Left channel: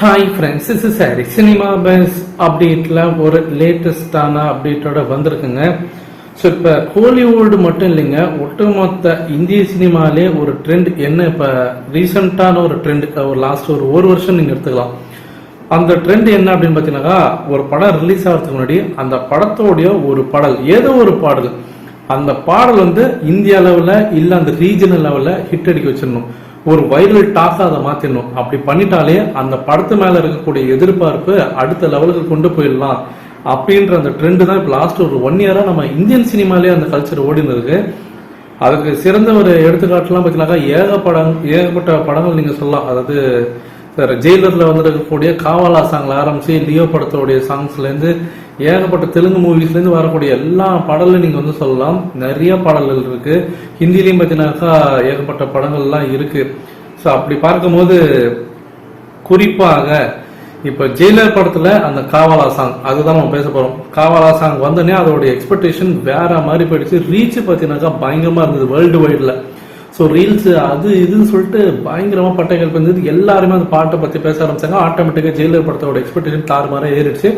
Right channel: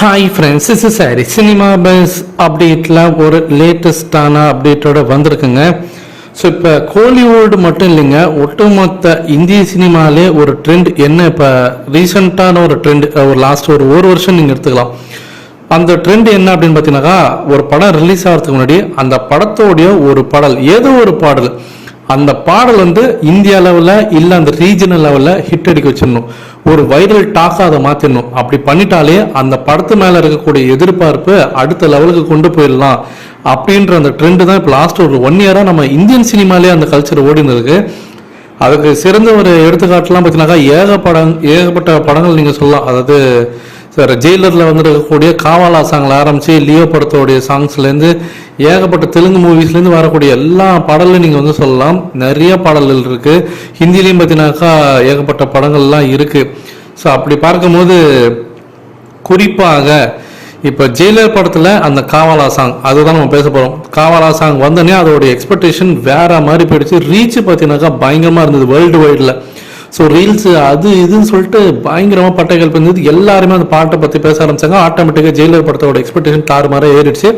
Hi friends is sorry cinema buzz அப்டேட்லாம் ஒரு லேட்டஸ்டான அப்டேட்டோட வந்திருக்குங்க. So இப்போ கோலிவுட் மட்டும் இல்லைங்க ஒட்டுமொத்த இந்திய சினிமாலே ஒரு ட்ரெண்ட் என்ன? இப்போ ரீசெண்டான ஒரு ட்ரெண்ட் ஒரு லாஸ்ட் ஒரு ஒரு வருஷம் நீங்கள் எடுத்துக்கலாம். அந்த ட்ரெண்ட் என்ன அப்படின்னு பார்த்தீங்கன்னாக்கா ஒரு படம் ரிலீஸ் ஆகிறதுக்கு முன்னாடி அந்த படத்தோடைய ஒரு பாடல் ஏதோ ஒரு பாடல் அந்த பாடல் வந்து இந்தியா லெவலில் இல்லை அந்த ரீஜனல் லெவலில் ஹிட் அடிக்க வச்சிடணும். ஒரு வைரல் டாக்காக அதை மாற்றிடணும் அப்படி பண்ணிட்டாலே அந்த படத்து மேலே இருக்கக்கூடிய எதிர்பார்ப்பு அடுத்த லெவலுக்கு கொண்டு போயிடலாம். அப்படின்ற அந்த ட்ரெண்டு தான் இப்போ லாஸ்ட் ஒரு ஒன் இயராக நம்ம இந்தியன் சினிமாலே அந்த கல்ச்சர் ஓடினதுக்கு அதுக்கு சிறந்த ஒரு எடுத்துக்காட்டுலாம் பார்த்தீங்கன்னாக்கா ஏக படம் ஏகப்பட்ட படங்கள் நீங்கள் சொல்லலாம். அதாவது சார் ஜெயிலரில் வந்துருக்கக்கூடிய காவாலா சாங்கில் ஆரம்பித்து லியோ படத்தோடைய சாங்ஸ்லேருந்து ஏகப்பட்ட தெலுங்கு மூவிஸ்லேருந்து வரக்கூடிய எல்லா பாடலும் நீங்கள் வந்து சொல்லலாம். நிறைய பாடல்கள் இருக்குது ஹிந்திலையும் பார்த்தீங்கன்னாக்கா ஏகப்பட்ட படங்கள்லாம் இருக்குது ஸோ அப்படி பார்க்கும்போது குறிப்பாக இப்போ ஜெயிலர் படத்தில் அந்த காவாலா சாங் அதுதான் நம்ம பேச போகிறோம் காவாலா சாங் வந்தோடனே அதோடைய எக்ஸ்பெக்டேஷன் வேற மாதிரி போயிடுச்சு. ரீச் பார்த்தீங்கன்னாக்கா பயங்கரமாக இருந்தது வேர்ல்டு வைடில் ஸோ ரீல்ஸ் அது இதுன்னு சொல்லிட்டு பயங்கரமாக பட்டைகள் இருந்தது. எல்லாருமே அந்த பாட்டை பற்றி பேச ஆரம்பிச்சாங்க. ஆட்டோமேட்டிக்காக ஜெயிலர் படத்தோட எக்ஸ்பெக்டேஷன் மாதிரி ஏறிடுச்சு.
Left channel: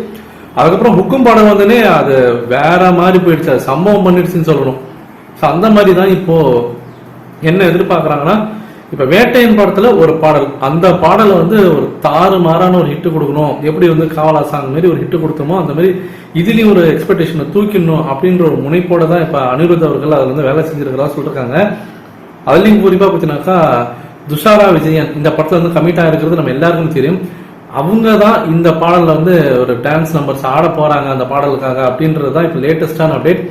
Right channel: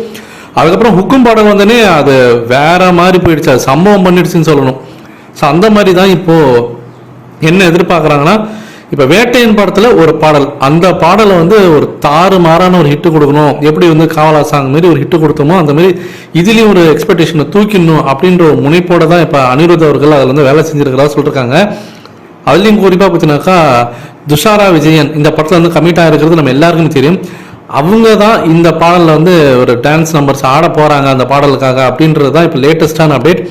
அதுக்கப்புறம் ஹுக்கும் படம் வந்தோடனே அது வேற மாதிரி போயிடுச்சு. அது சம்பவம் பண்ணிடுச்சுன்னு சொல்லணும். ஸோ அந்த மாதிரி தான் இப்போ என்ன எதிர்பார்க்குறாங்கன்னா இப்போ வேட்டையின் படத்தில் ஒரு பாடல். அந்த பாடலை வந்து ஒரு தாறு மாறான ஒரு ஹிட்டு கொடுக்கணும். எப்படி வந்து காவலா சாங் மாதிரி ஒரு ஹிட்டு கொடுத்தோமோ அந்த மாதிரி இதுலேயும் ஒரு எக்ஸ்பெக்டேஷனை தூக்கிடணும் அப்படின்ற ஒரு முனைப்போட தான் இப்போ அனிருத் அவர்கள் அதில் வந்து வேலை செஞ்சிருக்கிறதா சொல்லியிருக்காங்க அதுலேயும் குறிப்பாக பார்த்தீங்கன்னாக்கா துஷாரா விஜயன் இந்த படத்தில் வந்து கமிட் ஆகிருக்கிறது நம்ம எல்லாருக்குமே தெரியும். அவங்க தான் இந்த பாடலில் வந்து ஒரு டான்ஸ் நம்பர்ஸ் ஆட போகிறாங்க அந்த பாடலுக்காக அப்படின்றது தான் இப்போ லேட்டஸ்டான அப்டேட்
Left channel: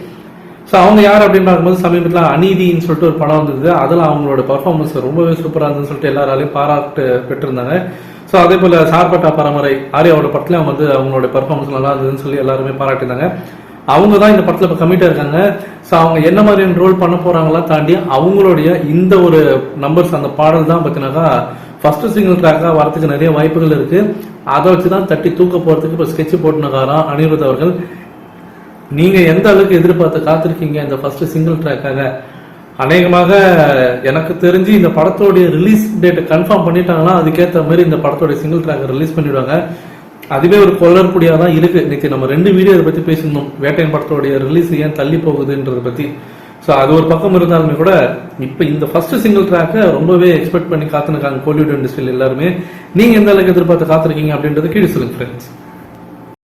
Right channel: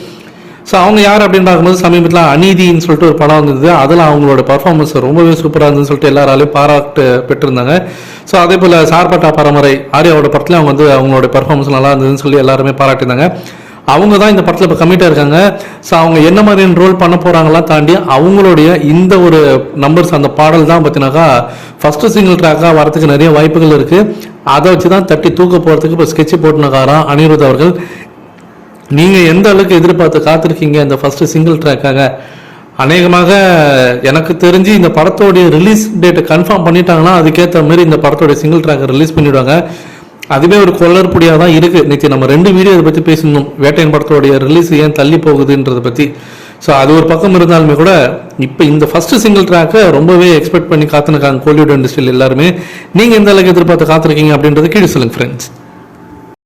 ஸோ அவங்க யார் அப்படின்னு பார்க்கும்போது சமீபத்தில் அநீதின்னு சொல்லிட்டு ஒரு படம் வந்தது. அதில் அவங்களோட பர்ஃபார்மன்ஸ் ரொம்பவே சூப்பராக இருந்துன்னு சொல்லிட்டு எல்லாராலையும் பாராட்டு பெற்றிருந்தாங்க. ஸோ அதே போல் சார்பட்டா பரம்பரை ஆர்யாவோட படத்தில் அவங்க வந்து அவங்களோட பர்ஃபார்மன்ஸ் நல்லா இருந்ததுன்னு சொல்லி எல்லாருமே பாராட்டியிருந்தாங்க. அவங்க தான் இந்த படத்தில் இப்போ கம்மிட்டாக இருக்காங்க. ஸோ அவங்க என்ன மாதிரியான ரோல் பண்ண போகிறாங்கலாம் தாண்டி அவங்களுடைய இந்த ஒரு நம்பர்ஸ் அந்த பாடல் தான் பார்த்தீங்கன்னாக்கா ஃபஸ்ட்டு சிங்கிள் ட்ராக்காக வரதுக்கு நிறைய வாய்ப்புகள் இருக்குது அதை வச்சு தான் தட்டி தூக்க போகிறதுக்கு இப்போ ஸ்கெட்சு போட்டுனக்காராம் அனிருத் அவர்கள். நீங்கள் எந்த அளவுக்கு எதிர்பார்த்து காத்திருக்கீங்க இந்த ஃபஸ்ட்டு சிங்கிள் ட்ராக்காக அநேகமாக எனக்கு தெரிஞ்சு இந்த படத்தோடைய ரிலீஸ் டேட்டை கன்ஃபார்ம் பண்ணிட்டாங்கன்னா அதுக்கேற்ற மாதிரி இந்த படத்தோடைய சிங்கிள் ட்ராக்கை ரிலீஸ் பண்ணிவிடுவாங்க அதுவே ஒரு கொள்ளற்புடியாக தான் இருக்குது நேற்று நம்ம ரெண்டு வீடியோ இதை பற்றி பேசணும் வேட்டையன் படத்தோடைய ரிலீஸ் ஏன் தள்ளி போகுதுன்றதை பற்றி ஸோ அது ஒரு பக்கம் இருந்தாலுமே கூட இப்போ இந்த ஃபஸ்ட்டு சிங்கிள் ட்ராக்கை ரொம்பவே எக்ஸ்பெக்ட் பண்ணி காத்துனுக்காங்க கோலிவுட் இண்டஸ்ட்ரியில் எல்லாருமே நீங்கள் எந்த அளவுக்கு எதிர்பார்த்து காத்திருக்கீங்க அப்படின்றது கீழே சொல்லுங்கள் ஃப்ரெண்ட்ஸ்